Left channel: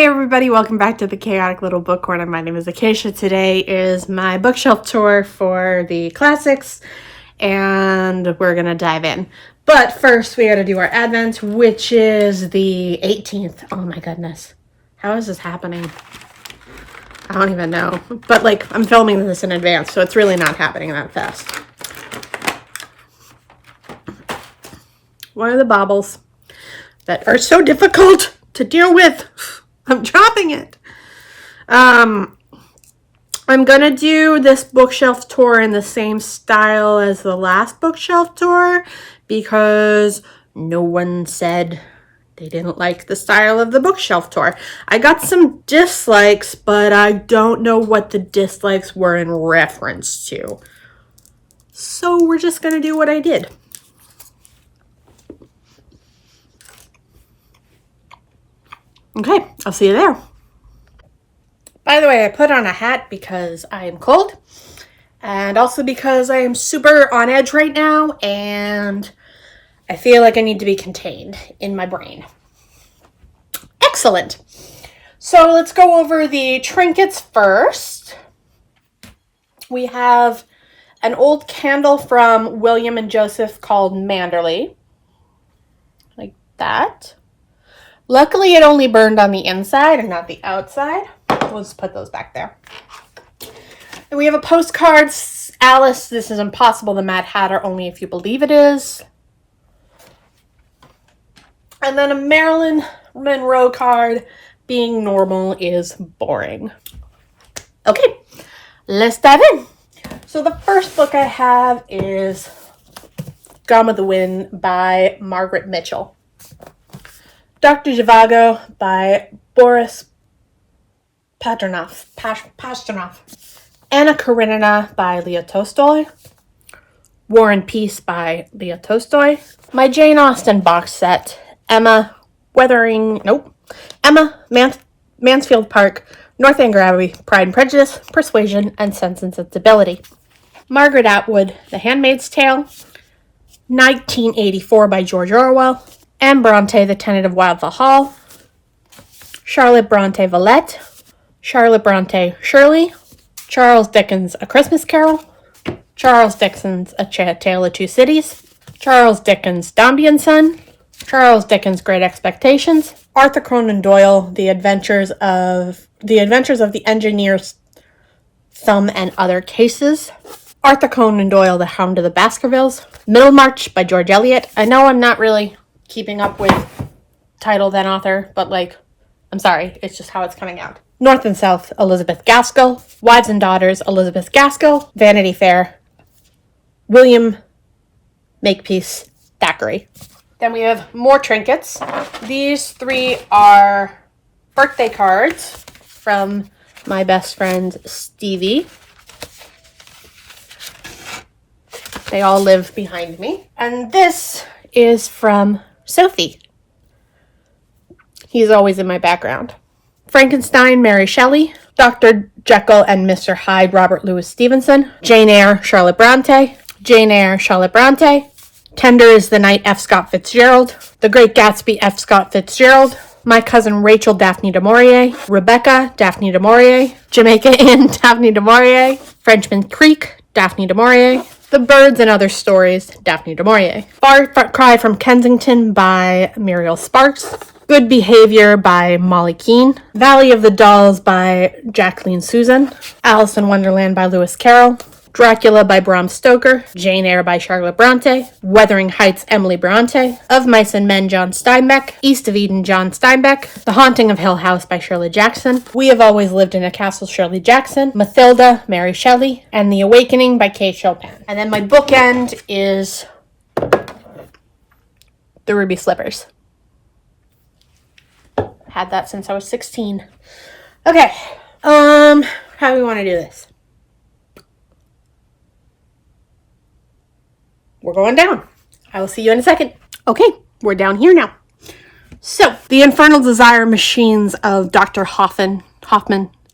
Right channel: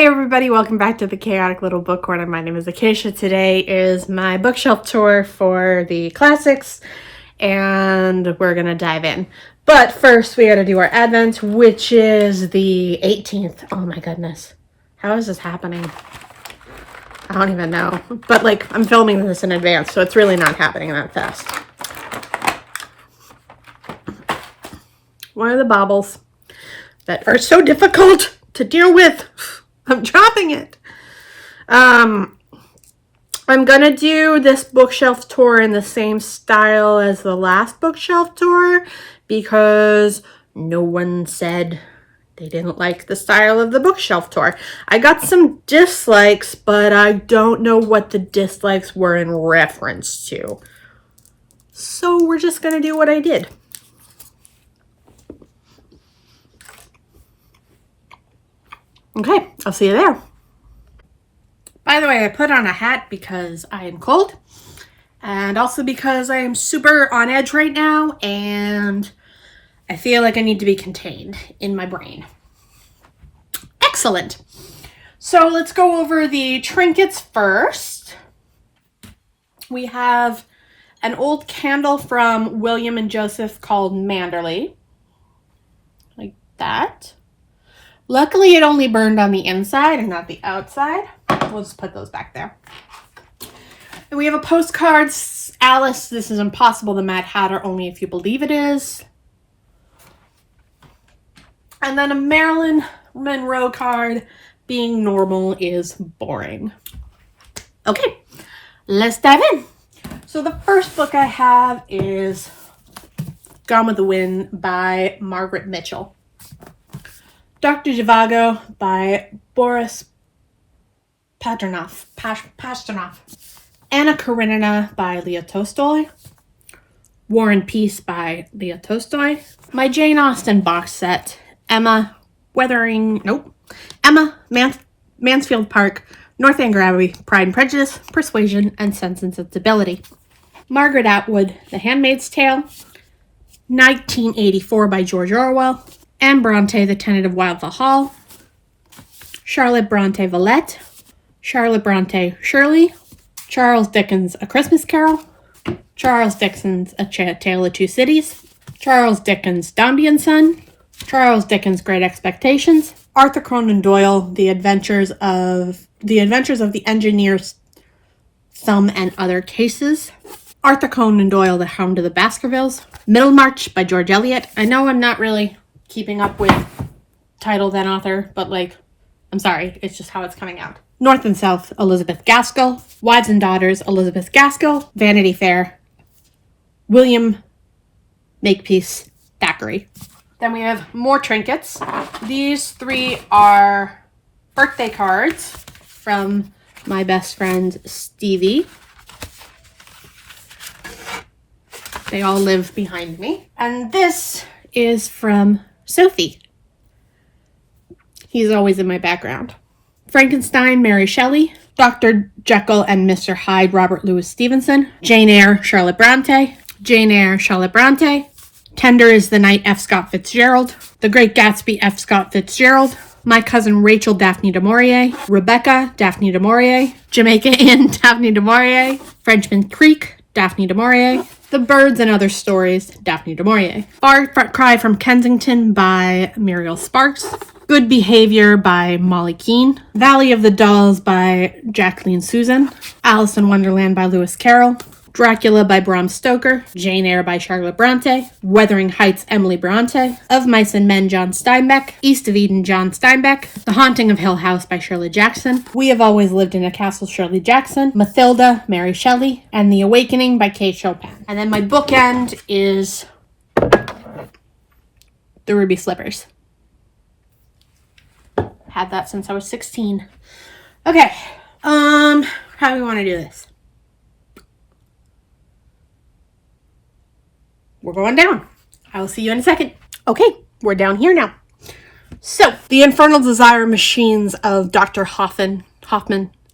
Hey everybody, welcome back to the Chaotic Little Book Corner. My name is Acacia. Today is my bookshelf tour for the classics, and we're gonna dive in. But first, we gotta do our Advent, which is the 18th. Oh my goodness. How is this happening? I don't even know. But like, I'm filming this in advance, so it's really not happening that fast. One of the baubles that are so difficult to deal with. I'm dropping it. I'm gonna do this bookshelf tour in the same style as the last bookshelf tour because no one said they didn't like the style of the bookshelf tour. I got some dislikes, but I don't know what the dislikes were in reference to. So we're just gonna do what I did. Okay, I'll see you there. By the way, I put on a hat because I am cold and also because I am super on edge right now and I feel like I need to be contained in my brain. Excellent. So let's go over the trinkets first. We have an old candle from William and Joseph called Manderley, like that. Luckily, it only burned on the inside and not the outside. We'll just put those back there. And we have a postcard. Alice, this is impossible. The Mad Hatter, only if you believe it is. And then a Marilyn Monroe card. Being normal is boring. Okay, let's dive in. So the first book I have is Gone with the Wind by Margaret Mitchell. Dr. Zhivago by Boris Pasternak. Anna Karenina by Leah Tolstoy. War and Peace by Leah Tolstoy. My Jane Austen box set. Emma Mansfield Park, Northanger Abbey, Pride and Prejudice, Persuasion, and Sense and Sensibility. Margaret Atwood, The Handmaid's Tale. 1984 by George Orwell. Anne Bronte, The Tenant of Wildfell Hall. Charlotte Bronte Villette. Charlotte Bronte Shirley. Charles Dickens A Christmas Carol. Charles Dickens A Tale of Two Cities. Charles Dickens Dombey and Son. Charles Dickens Great Expectations. Arthur Conan Doyle The Adventures of the Engineer's Thumb and Other Cases. Arthur Conan Doyle The Hound of the Baskervilles. Middlemarch by George Eliot. I know I'm not really keeping up with title then author, but like, I'm sorry, it's just how it's coming out. North and South, Elizabeth Gaskell. Wives and Daughters, Elizabeth Gaskell. Vanity Fair, William Makepeace Thackeray. Then we have more trinkets. These three are birthday cards from my best friend Stevie. They all live behind me. And this is from Sophie. He's always in my background. Frankenstein, Mary Shelley. Dr. Jekyll and Mr. Hyde, Robert Louis Stevenson. Jane Eyre, Charlotte Bronte. Jane Eyre, Charlotte Bronte. Tender is the Night, F. Scott Fitzgerald. The Great Gatsby, F. Scott Fitzgerald. My Cousin Rachel, Daphne du Maurier. Rebecca, Daphne du Maurier. Jamaica Inn, Daphne du Maurier. Frenchman Creek, Daphne du Maurier. The Birds and Other Stories, Daphne du Maurier. Far Cry from Kensington by Muriel Sparks. Good Behavior by Molly Keane. Valley of the Dolls by Jacqueline Susan. Alice in Wonderland by Lewis Carroll. Dracula by Bram Stoker. Jane Eyre by Charlotte Bronte. Wuthering Heights, Emily Bronte. Of Mice and Men, John Steinbeck. East of Eden, John Steinbeck. The Haunting of Hill House by Shirley Jackson. We Have Always Lived in a Castle, Shirley Jackson. Mathilda, Mary Shelley. And The Awakening by Kate Chopin. And then my bookend is The Ruby Slippers. Had that since I was 16. Okay, how do we want to do this? We're going down. I will see you in a second. Okay, we're down here now. So, The Infernal Desire Machines of Dr. Hoffman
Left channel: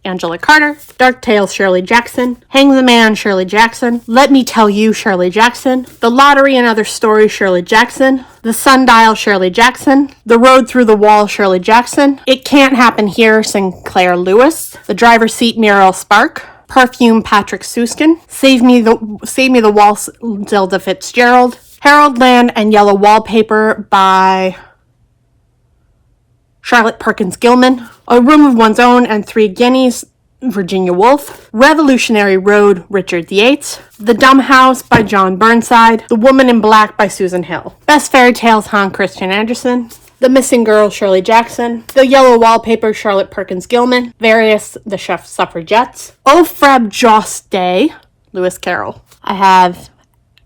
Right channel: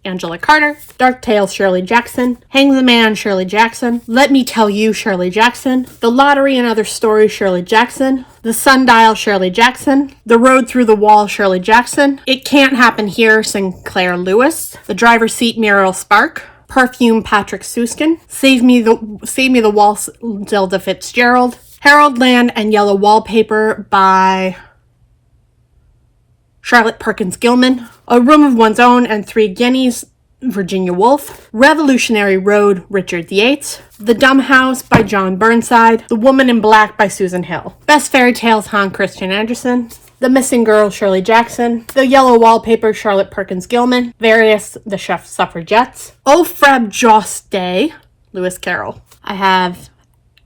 Angela Carter. Dark Tales, Shirley Jackson. Hang the Man, Shirley Jackson. Let Me Tell You, Shirley Jackson. The Lottery and Other Stories, Shirley Jackson. The Sundial, Shirley Jackson. The Road Through the Wall, Shirley Jackson. It Can't Happen Here, Sinclair Lewis. The Driver's Seat, Muriel Spark. Perfume, Patrick Suskin. Save Me the Waltz, Zelda Fitzgerald. Harold Land and Yellow Wallpaper by Charlotte Perkins Gilman. A Room of One's Own and Three Guineas, Virginia Woolf. Revolutionary Road, Richard Yates. The Dumb House by John Burnside. The Woman in Black by Susan Hill. Best Fairy Tales, Hans Christian Andersen. The Missing Girl, Shirley Jackson. The Yellow Wallpaper, Charlotte Perkins Gilman. Various, The Suffragettes. O Freb Joss Day, Lewis Carroll. I have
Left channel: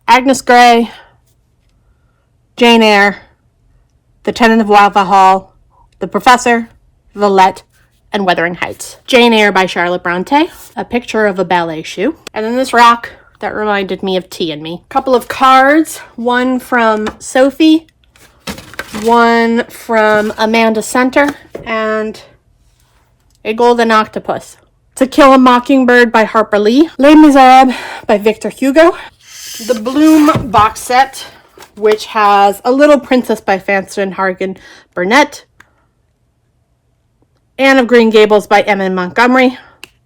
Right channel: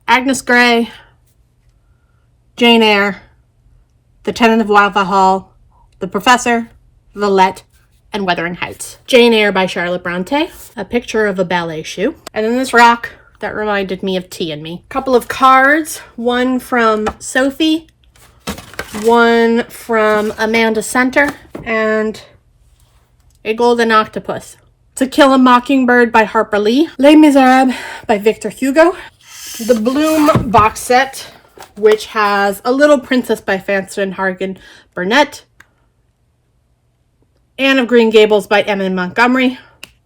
Agnes Grey, Jane Eyre, The Tenant of Wildflower Hall, The Professor, Villette, and Wuthering Heights. Jane Eyre by Charlotte Bronte. A picture of a ballet shoe. And then this rock that reminded me of Tea and Me. A couple of cards. One from Sophie. One from Amanda Center. And a golden octopus. To Kill a Mockingbird by Harper Lee. Les Miserables by Victor Hugo. The Bloom box set, which has A Little Princess by Francine Hargan Burnett. Anne of Green Gables by Emma Montgomery.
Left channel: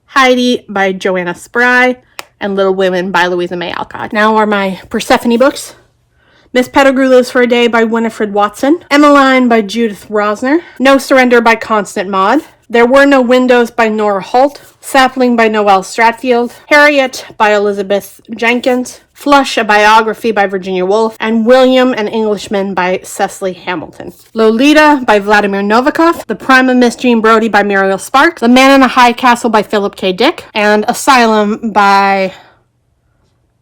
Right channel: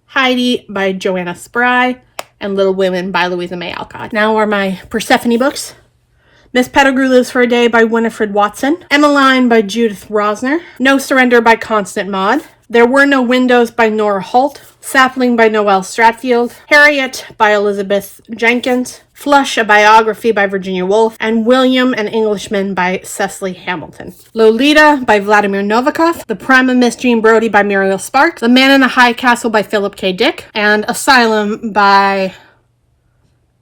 Heidi by Joanna Spry. And Little Women by Louisa May Alcott. Now are my Persephone books. Miss Pettigrew Lives for a Day by Winifred Watson. Emmeline by Judith Rosner. No Surrender by Constant Maud. There Were No Windows by Nora Holt. Sapling by Noelle Stratfield. Harriet by Elizabeth Jenkins. Flush, a biography by Virginia Woolf. And William, an Englishman by Cecily Hamilton. Lolita by Vladimir Novikov. The Prime of Miss Jean Brodie by Muriel Sparks. The Man in the High Castle by Philip K. Dick. And Asylum by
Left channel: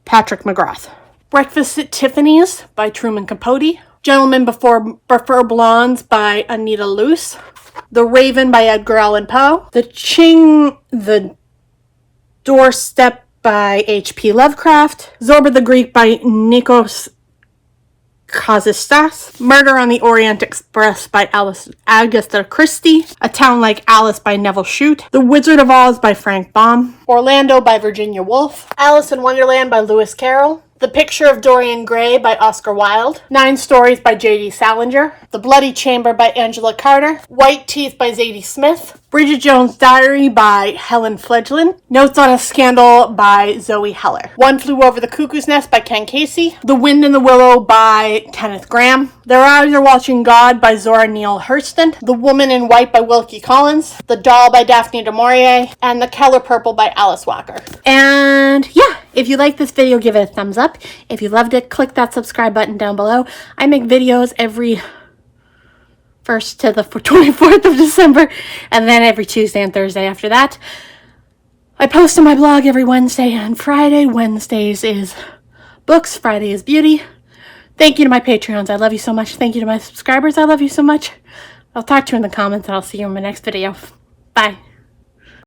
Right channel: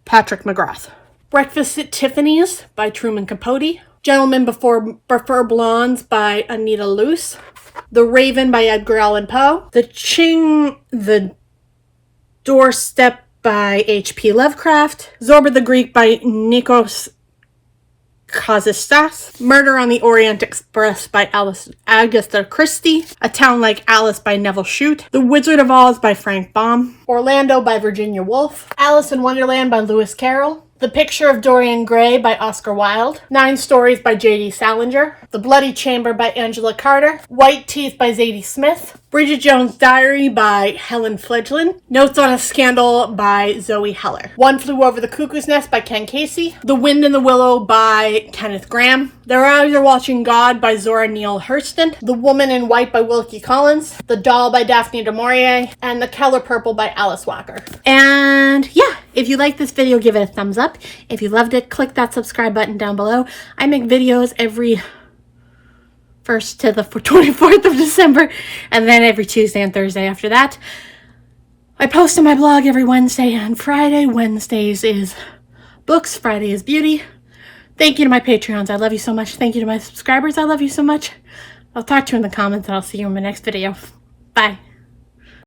Patrick McGrath. Breakfast at Tiffany's by Truman Capote. Gentlemen Prefer Blondes by Anita Luce. The Raven by Edgar Allan Poe. The Doorstep by H.P. Lovecraft. Zorba the Greek by Nikos Kazistas. Murder on the Orient Express by Agatha Christie. A Town Like Alice by Neville Shute. The Wizard of Oz by Frank Baum. Orlando by Virginia Woolf. Alice in Wonderland by Lewis Carroll. The Picture of Dorian Gray by Oscar Wilde. 9 Stories by J.D. Salinger. The Bloody Chamber by Angela Carter. White Teeth by Zadie Smith. Bridget Jones' Diary by Helen Fledglin. Notes on a Scandal by Zoe Heller. One Flew Over the Cuckoo's Nest by Ken Casey. The Wind in the Willow by Kenneth Graham. Their Eyes Are Watching God by Zora Neale Hurston. The Woman in White by Wilkie Collins. The Doll by Daphne du Maurier. And The Color Purple by Alice Walker. And yeah, if you like this video, give it a thumbs up. If you loved it, click that subscribe button down below. I make videos every 1st to the 24th of December, and then every Tuesday and Thursday after that. I post on my blog every Wednesday and Friday. Wednesdays is books, Friday is beauty. Thank you to my Patreons. I love you so much. Thank you to my subscribers. I love you so much. I'll talk to you in the comments, and I'll see you in my next video. Bye.